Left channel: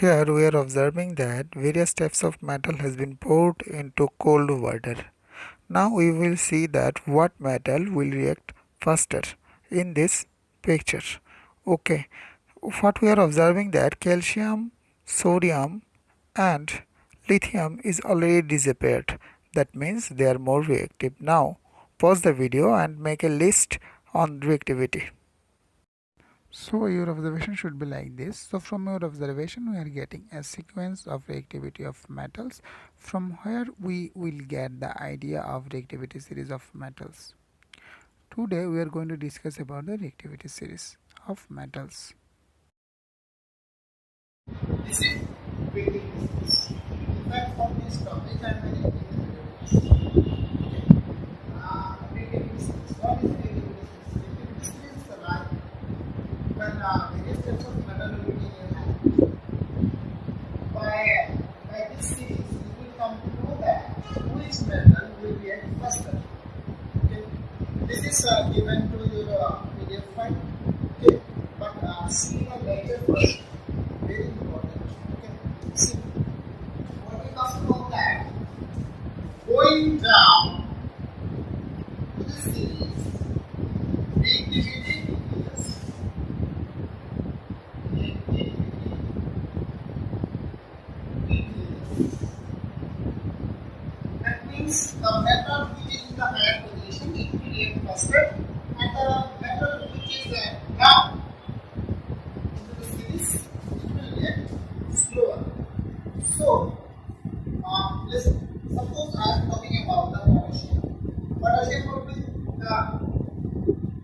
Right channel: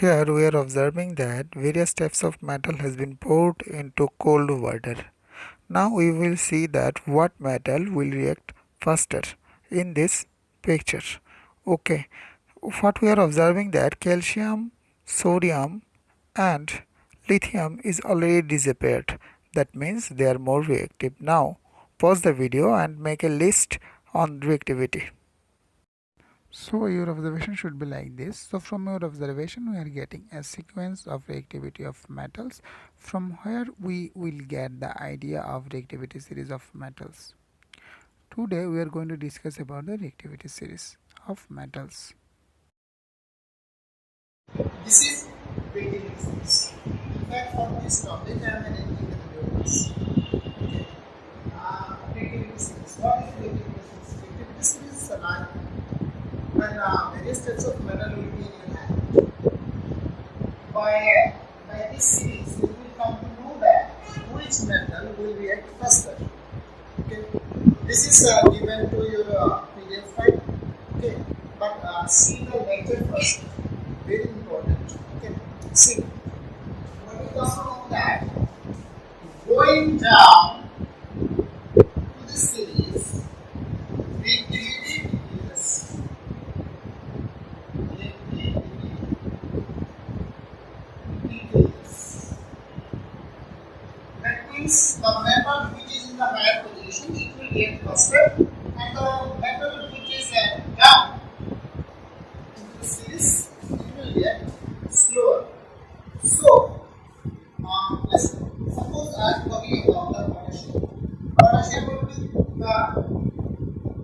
Here we are observing that various types of metal has been poured into cold water. Now we will see that what metal will react faster in this picture. Okay, what we are observing that calcium, sodium and lithium is already disappeared. That means they are more reactive. Now pause the video and make a list on reactivity. So your observation should be like this. So from your observation we are getting a sequence of reactivity of metals from where we will get the idea of reactivity series of metals. Today we are going to discuss about the reactivity series of metals. This is creating business. In fact, for this topic, I am making the videos. Creating business. What is creating business? Creating business is a line when various types of metal will be in your hand. By this series, you will come to know that which metal will react faster. Okay. This is given to your PDF file. Okay. But see the lecture first. Very important. Okay. See. When we come to know that going down to the series, reactivity is that means the metal which is in the higher position it will react faster, and the metal which is down into the series it will react slower. So, let's suppose I am talking about the potassium. Potassium will be the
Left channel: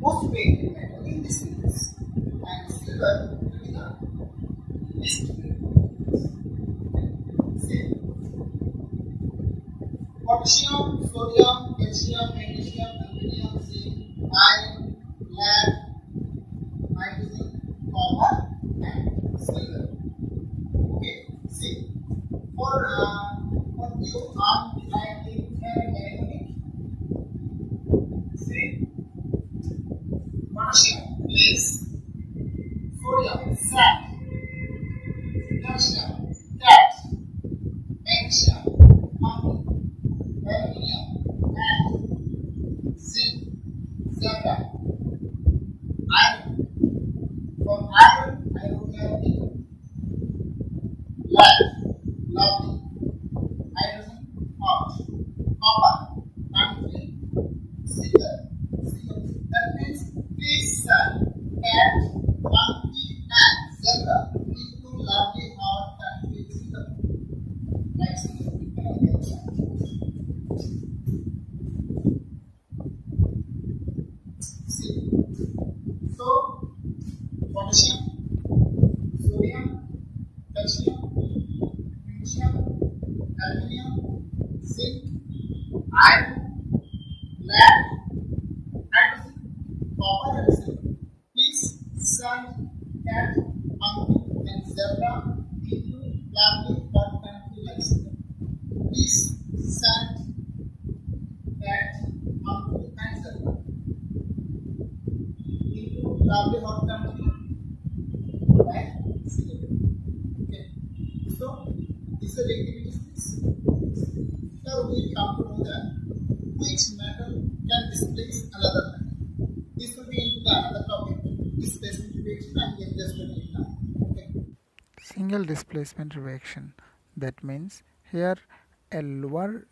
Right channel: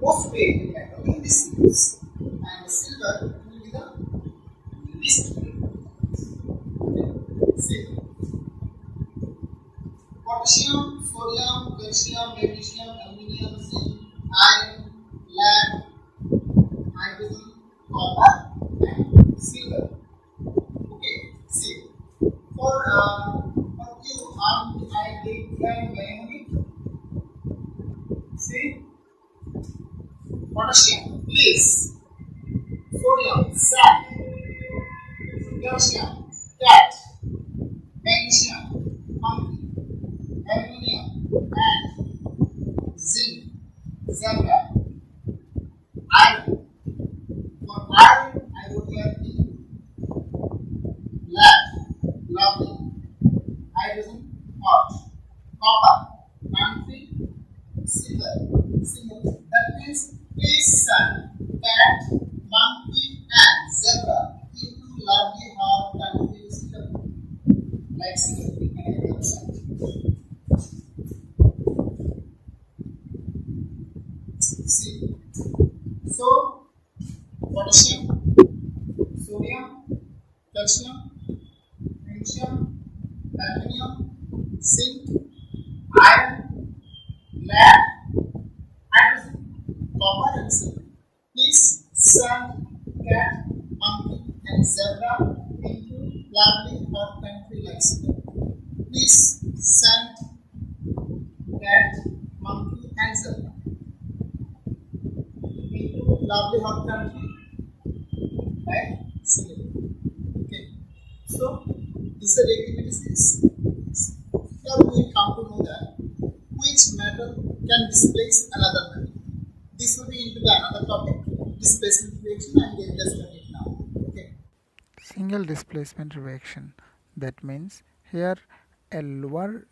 most reactive metal in this series, and silver will be the least reactive. See, potassium, sodium, calcium, magnesium, aluminum, zinc, iron, lead, hydrogen, copper, and silver. Okay, see, for you, I take mnemonic. See, potassium, please, sodium, sand, calcium, cat, magnesium, monkey, aluminum, and zinc, zebra, iron. For iron, I wrote here lead, lovely, hydrogen, hot, copper, country, silver, single. That means fish, sun, cat, monkey, and zebra into lovely, hot country, single. Like single, we can have outside. See, so potassium, sodium, calcium, magnesium, aluminum, zinc, iron, lead, hydrogen, copper, and silver. Please send cat, monkey, and zebra into lovely hot country like Sweden. Please send cat, monkey, and zebra into lovely hot country like Sweden. Okay. So this is a reactivity series. Now we come to know that which metal can displace another metal. This will be into the another topic, displacement reaction, and we will just study it now. Okay. Single displacement reaction. That means here a lower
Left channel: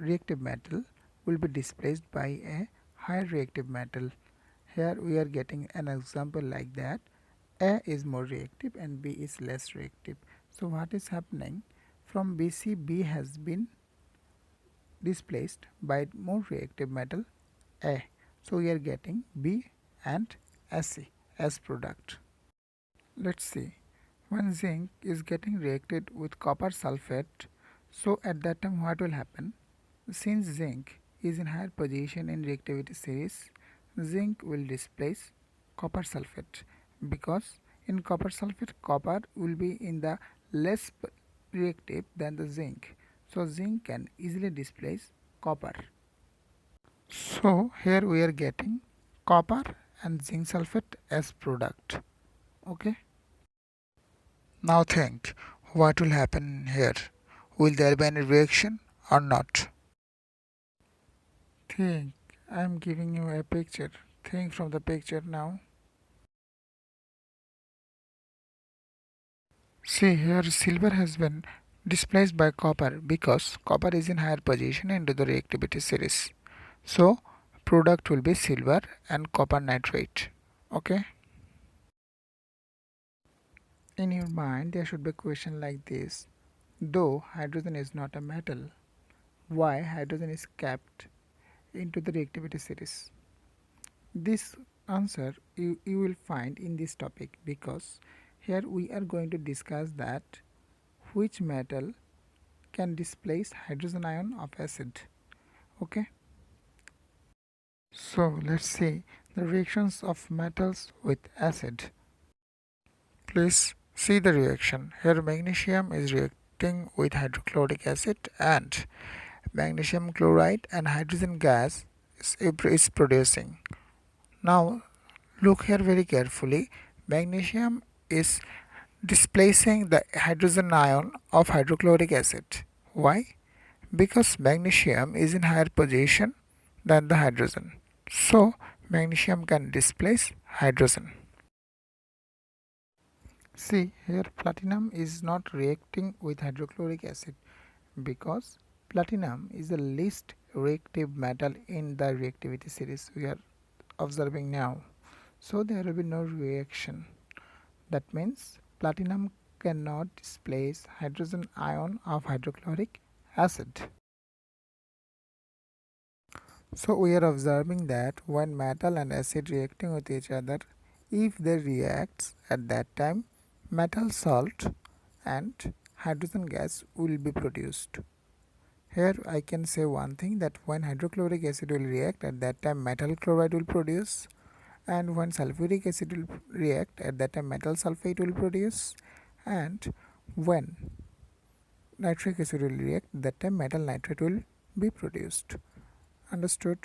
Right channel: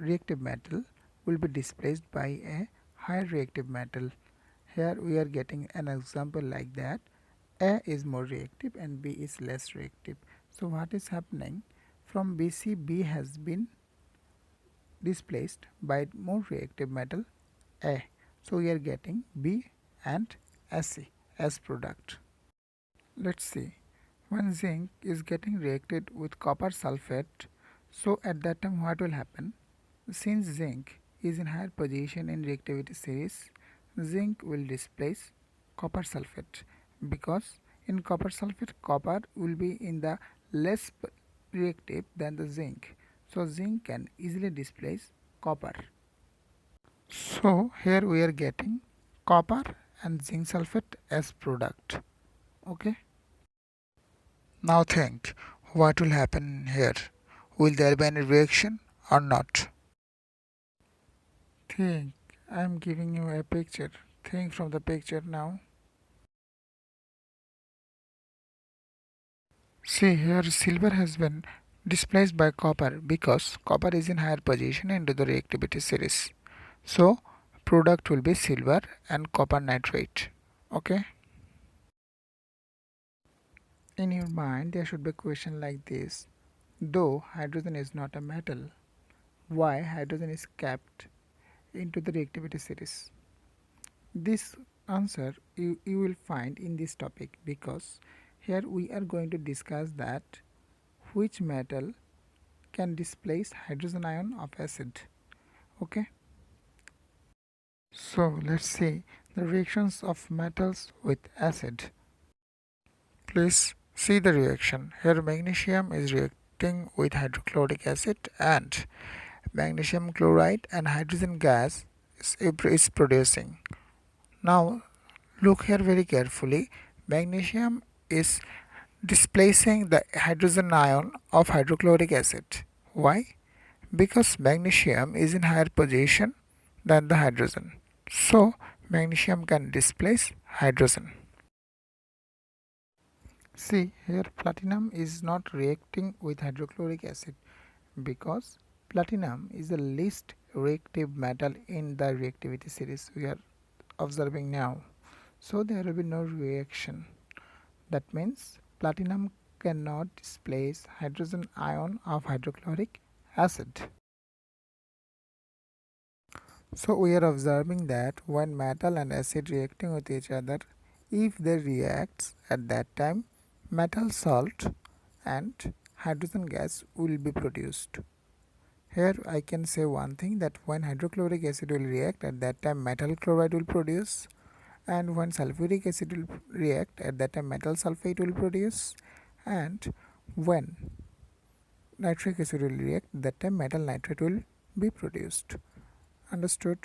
reactive metal will be displaced by a higher reactive metal. Here we are getting an example like that. A is more reactive and B is less reactive. So what is happening? From BC, B has been displaced by more reactive metal A. So we are getting B and Ac as product. Let's see. When zinc is getting reacted with copper sulfate, so at that time what will happen? Since zinc is in higher position in reactivity series, zinc will displace copper sulfate because in copper sulfate copper will be in the less reactive than the zinc. So zinc can easily displace copper. So here we are getting copper and zinc sulfate as product. Okay. Now think, what will happen here? Will there be any reaction or not? Think, I am giving you a picture. Think from the picture now. See here silver has been displaced by copper because copper is in higher position into the reactivity series. So product will be silver and copper nitrate. Okay. In your mind there should be a question like this. Though hydrogen is not a metal, why hydrogen is kept into the reactivity series? This answer you will find in this topic because here we are going to discuss that which metal can displace hydrogen ion of acid. Okay, so let's see the reactions of metals with acid. Please see the reaction. Here magnesium is reacting with hydrochloric acid and magnesium chloride and hydrogen gas is producing. Now look here very carefully. Magnesium is displacing the hydrogen ion of hydrochloric acid. Why? Because magnesium is in higher position than the hydrogen. So magnesium can displace hydrogen. See here platinum is not reacting with hydrochloric acid because platinum is the least reactive metal in the reactivity series we are observing now. So there will be no reaction. That means platinum cannot displace hydrogen ion of hydrochloric acid. So we are observing that when metal and acid reacting with each other, if they react at that time, metal salt and hydrogen gas will be produced. Here I can say one thing that when hydrochloric acid will react at that time metal chloride will produce, and when sulfuric acid will react at that time metal sulfate will produce, and when nitric acid will react that time metal nitrate will be produced. Understood?